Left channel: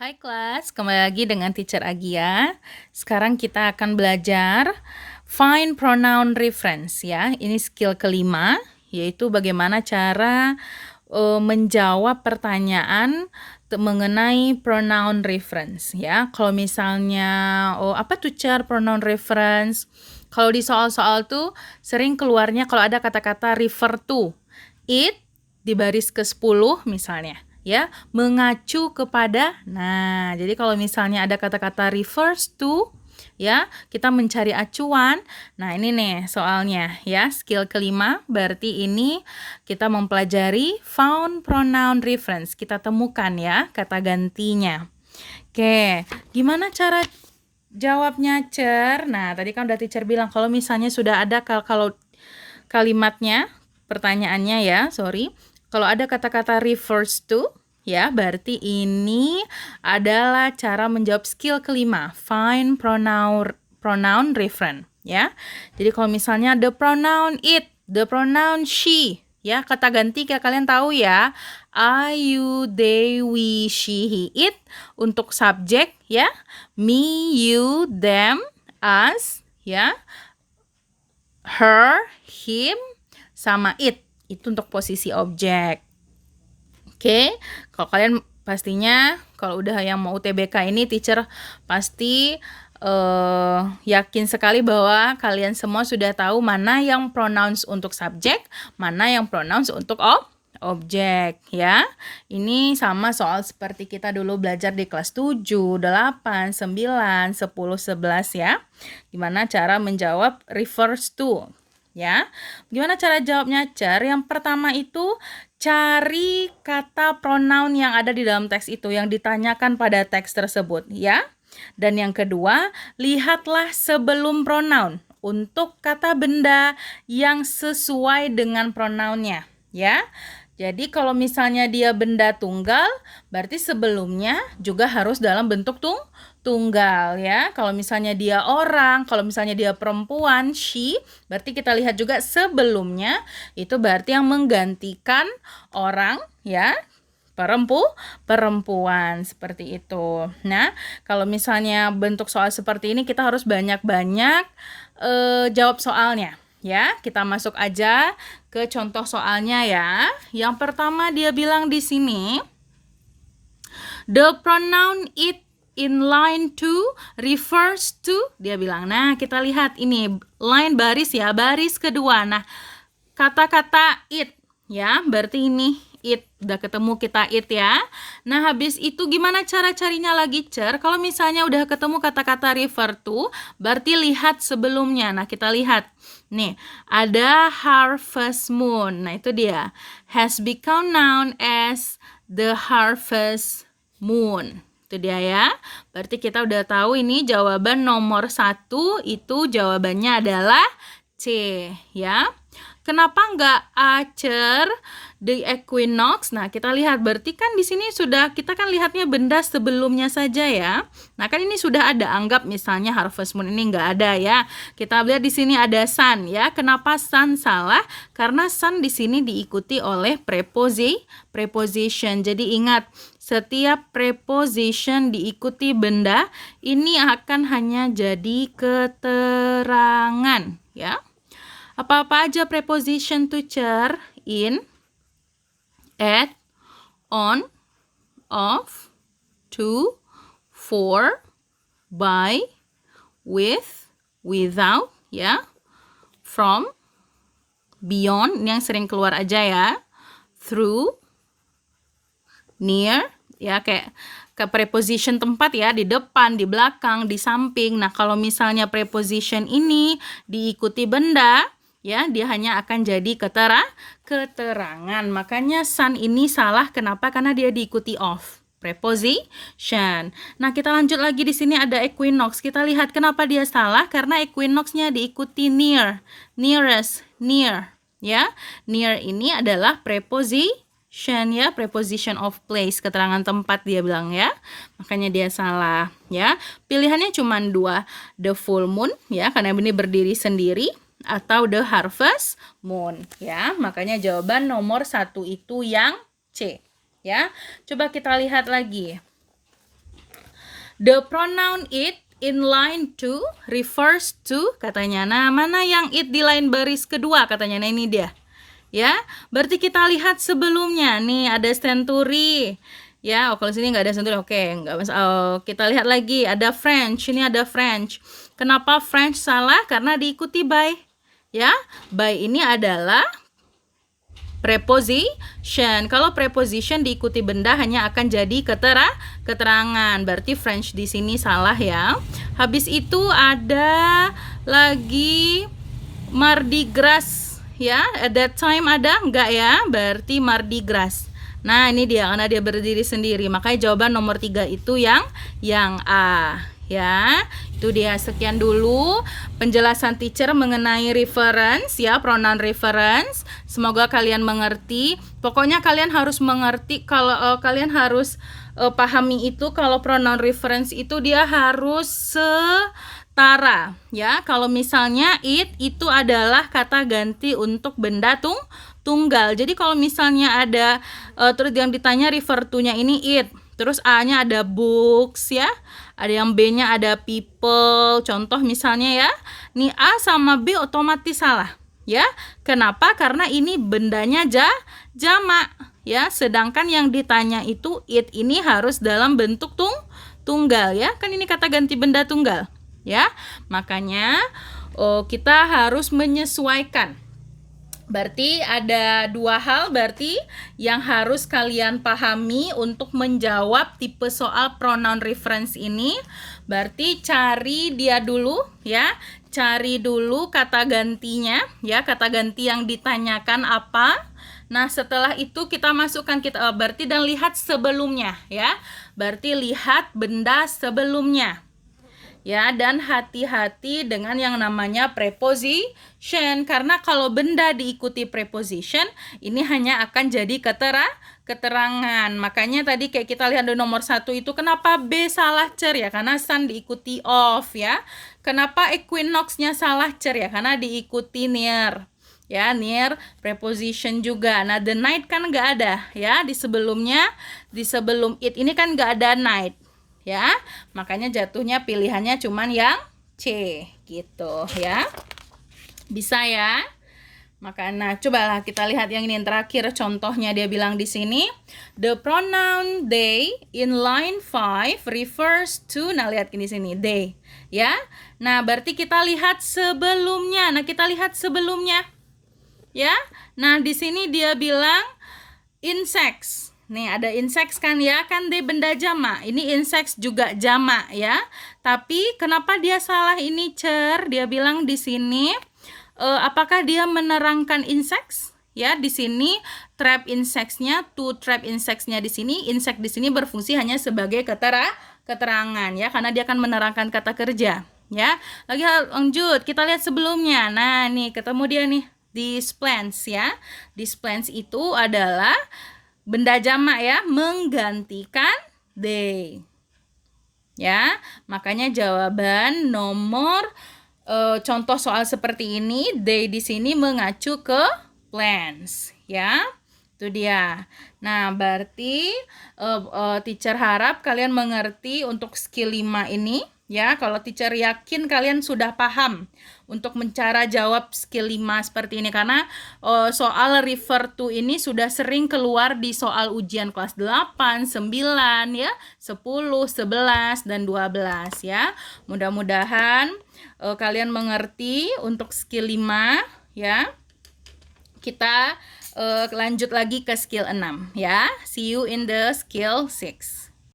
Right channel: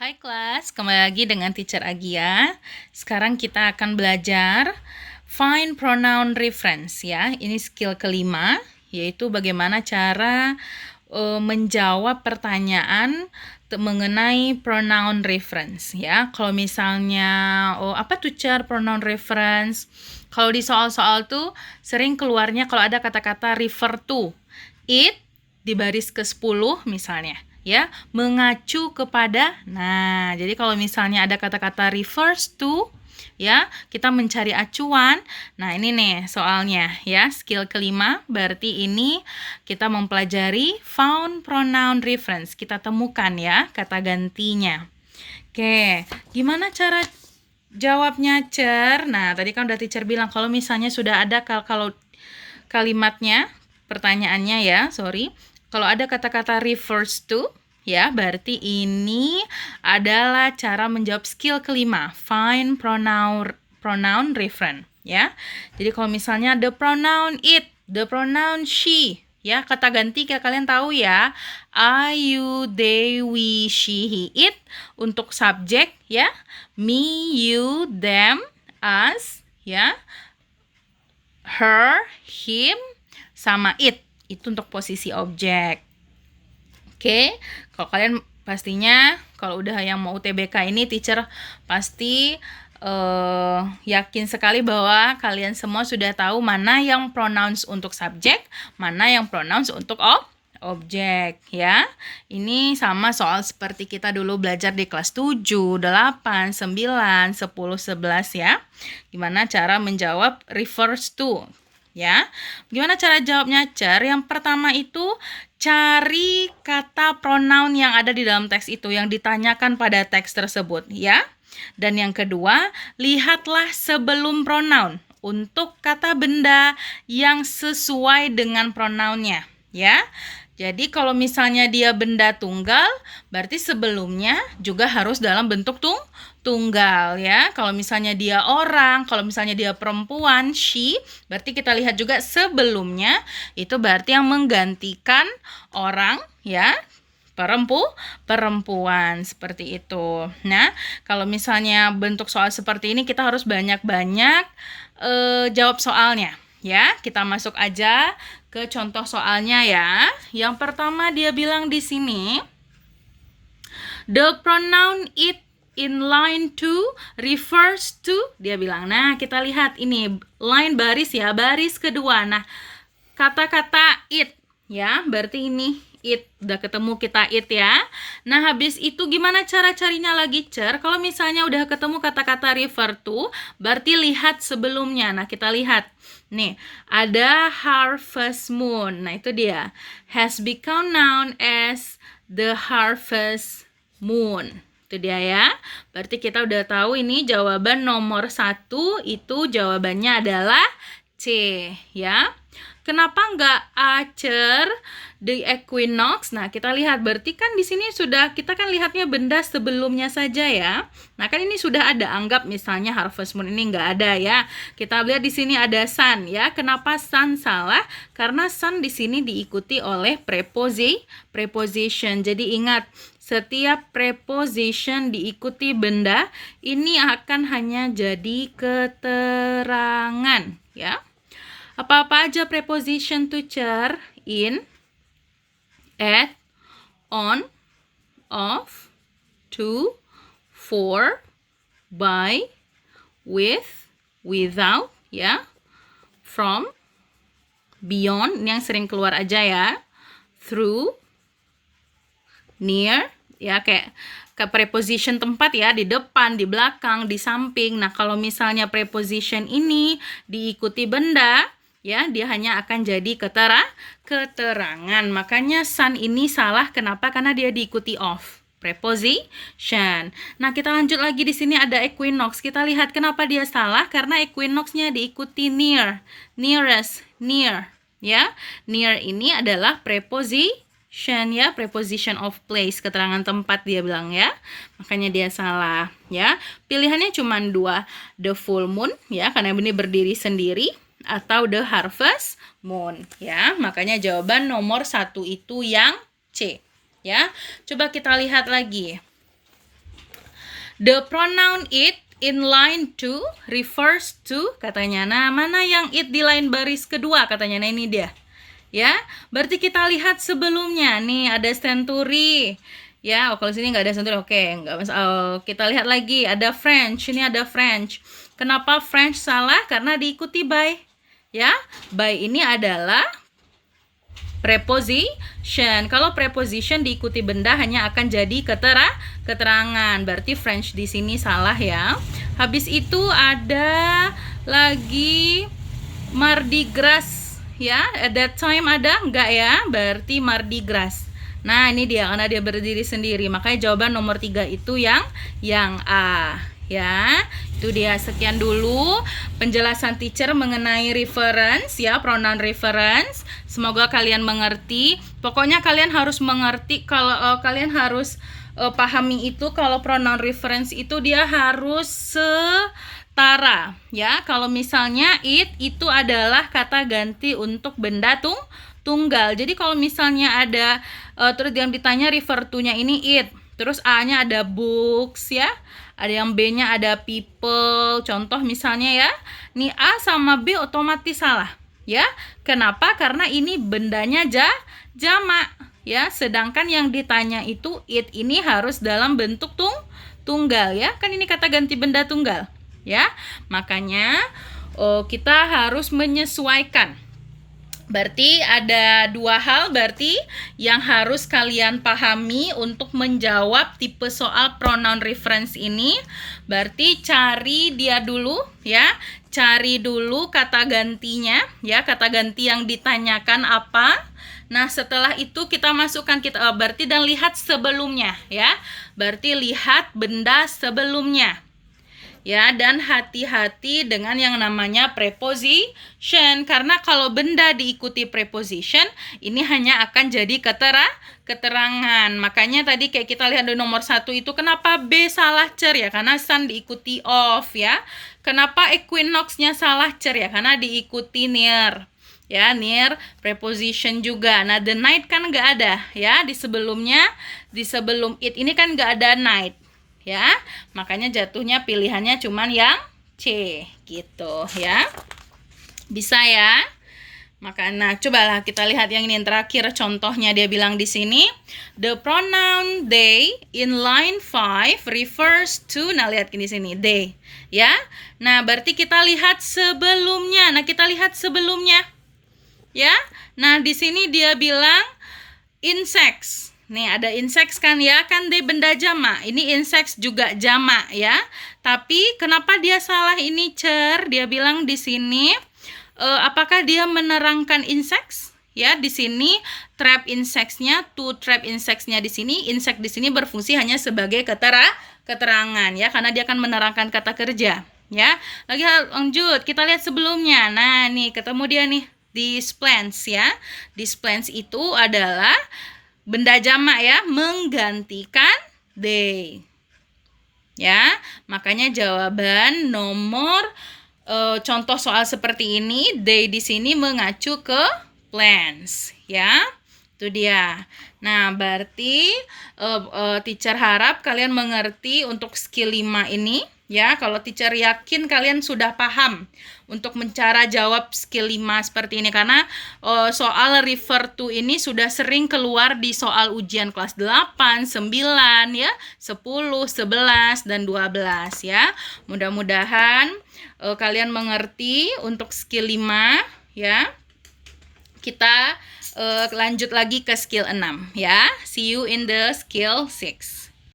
Hai kelas, kembali lagi dengan Teacher Agia. Sekarang kita akan belajar find pronoun reference ya. Ini skill kelima, yaitu bagaimana cara menjawab pertanyaan mengenai pronoun reference ya. Kalau misalnya apa tuh pronoun reference? Kalau di soal-soal tuh sering keluarnya kalau ada kata-kata refer to, it di baris ke-10 misalnya ya, mengacu kepada. Nah, jadi kalau misalnya ada kata-kata refers to ya, kita mencari acuan. Nah, ini nih soalnya ya, skill kelima, berarti ini kita mempelajari found pronoun reference. Kita temukan ya kata gantinya. Oke, gimana cara jawabnya, Cer? Nah, tadi kan udah teacher bilang kalau misalnya sudah ada kalau kalimatnya, pertanyaannya ya, sorry. Kalau ada kata-kata refers to, ya, berarti ini adalah cara menjawab skill kelima, find pronoun reference, ya. Jadi kalau misalnya the pronoun it, the pronoun she, ya, kata ganti kayak kalian tahu ya, I, you, they, we, she, he, it. Untuk subjek, ya, me, you, them, us, ya, her, him, sama it. Itu untuk posisi objek. Oke, kalau kalian pastinya kalau udah yang mau UTBK ini teacher pasti yakin sekali bahwa kalian semua sudah tahu mana yang pronouns untuk subjek, mana yang pronouns untuk objek ya. Ini sama soal seperti kita dulu belajar di kelas 7, 8, 9, 10, 11 ya. Gimana cara menjawab refers to ya. Gimana cara jawabnya, Cer? Yang pertama itu cari kata pronoun yang ada di dalam teks itu yang ditanyakan pada teks tersebut ya. Dan yang kedua, lihatlah sebelum pronoun untuk kata benda yang sesuai dengan pronounnya ya. Jadi kalau misalnya dia benda tunggal, berarti sebelumnya juga harus dalam bentuk tunggal ya. Kalau misalnya dia orang, kalau misalnya dia perempuan, she, berarti kita lihat juga sebelumnya itu berarti yang menggantikan orang ya. Perempuan seperti itu. Nah, kalau misalnya bentuk soal seperti ini kita harus banyak-banyak jawab soalnya ya. Kita masuk aja ke contoh soalnya ya. Yang pertama dia bilang di sini, the pronoun it in line 2 refers to, dia bilang. Nah, kita lihat ini line baris ya, baris kedua. Nah, kata-kata it ya, berarti ini it, udah ketemu kita it ya. Nah, habis itu gimana cara carinya lagi, Cer? Kalau misalnya udah ketemu kata-kata refer to, berarti lihat sebelumnya. Nah, kita lihat nih, ada harvest moon. Nah, itu dia, has become known as the harvest moon. Itu dia ya. Berarti kita udah tahu ini jawaban nomor 1 itu jawabannya adalah C ya. Kenapa nggak A, Cer? The equinox. Nah, kita lihat berarti kan di sini sudah kita kan lihatnya benda sebelumnya saja ya. Nah, kan ini sudah ada. Anggap misalnya harvest moon ini nggak ada ya. Kita lihat di sini ada sun ya. Kenapa sun salah? Karena sun di sini diikuti oleh preposition. Jadi ingat, setiap preposition diikuti benda ini akan hanya jadi keterangan ya. Apa-apa aja preposition to, Cer? In, at, on, of, to, for, by, with, without ya, from, beyond, ini yang sering keluar aja ya, through, near ya, kayak ke preposition tempat ya, di depan, di belakang, di samping. Nah, kalau misalnya preposition ini diikuti benda ya, dia hanya akan jadi keterangan. Makanya sun ini salah. Kenapa? Karena dia diikuti of preposition. Nah, kita lanjut lagi, di sini ada equinox. Kita lihat kenapa dia salah, karena equinox-nya diikuti near, nearest, near ya. Near ini adalah preposition ya, preposition of place, keterangan tempat dia bilang ya. Makanya dia salah ya. Pilihannya cuma 2, the full moon ya, karena ini berdiri sendiri, atau the harvest moon ya. Makanya jawaban nomor 1 itu yang C ya. Coba kita lihat lagi. The pronoun it in line 2 refers to, katanya. Nah, mana yang it di line baris kedua katanya? Nah, ini dia. Ya, berarti kita lihat sebelumnya. Nih ada century. Ya, kalau sini nggak ada century. Oke, nggak masalah. Oh, kita lihat lagi ada French. Ini ada French. Kenapa French salah? Karena diikuti by. Ya, by ini adalah preposition. Kalau preposition diikuti benda hanya akan jadi keterangan. Berarti French di sini salah ya. Habis itu ada lagi Mardi Gras ya. At that time ada enggak ya? Berarti Mardi Gras. Nah, ini dia karena dia berdiri sendiri. Makanya jawaban nomor 3 itu yang A ya. Itu dia, sekian dulu penjelasan teacher mengenai reference ya, pronoun reference. Semoga kalian mengerti. Pokoknya kalian harus mengerti kalau kalian harus pahami itu kalau pronoun reference itu dia harus setara ya. Kalau misalnya it itu adalah kata ganti untuk benda tunggal. Jadi kalau misalnya ada terus yang ditanya refer to-nya ini it, terus A-nya ada books ya. Ada yang B-nya ada people. Contoh misalnya ya, nih A sama B otomatis salah ya. Kenapa? Karena ini bendanya jamak ya. Sedangkan yang ditanya itu it ini harus dalam bentuk tunggal ya. Kan ini kata ganti benda tunggal ya. Makanya kita harus menyesuaikan. Berarti ada dua hal berarti yang harus kalian pahami untuk menjawab tipe soal pronoun reference ini. Berarti cari dia dulu ya. Cari dulu kata gantinya ya, kata ganti yang ditanyakan apa. Nah, setelah itu kita masukkan berarti dan lihat sebelumnya ya. Berarti lihat benda sebelumnya. Ya, dan hati-hati dengan yang namanya preposition, karena kalau benda diikuti preposition ini hanya akan jadi keterangan. Makanya tadi kayak kita lihat di nomor 1 itu kenapa B salah cer ya, karena sun diikuti of ya. Kenapa equinox-nya salah cer ya, karena diikuti near ya, near preposition juga. Nah, the night kan nggak ada ya, di sebelumnya, di sebelum it ini kan nggak ada night ya, makanya jatuhnya pilihannya cuman yang C gitu ya. Bisa ya. Nah, cobalah kita lihat yang ini yang terakhir, contohnya dia bilang di sini the pronoun they in line 5 refers to, nah lihat di sini they ya. Nah, berarti kita lihat sebelumnya. Nah, kita lihat sebelumnya ya. Nah, di sini dia bilang insects. Nih ada insects kan ya, kan dia benda jamak. Ini insects juga jamak ya. Tapi kenapa dia salah ini cer? Dia bilang di sini apakah dia menerangkan insects? Ya, di sini trap insects-nya, to trap insects-nya di sini, insect di sini berfungsi hanya sebagai keterangan ya, karena dia akan menerangkan kata kerja ya. Lagi lanjut, kita lihat sebelumnya. Nah, nih ketemu dia nih, these plants ya. These plants itu adalah benda jamak ya, menggantikan they ya. Makanya jawaban nomor contoh soal seperti ini, they di sini mengacu ke plants ya. Itu dia. Nah, berarti teacher harap kalian mengerti untuk skill 5 ini ya. Kalau teacher yakin kalian sudah paham untuk mencara jawab skill 5 seperti ini, karena soal refer to ini sudah sering keluar di soal ujian kelas 8, 9 ya, 10, 11 dan 12 ya. Mudah-mudahan kalian mengerti untuk skill 5 ya. Kita lanjut lagi ke skill 6 ya. See you in the skill 6.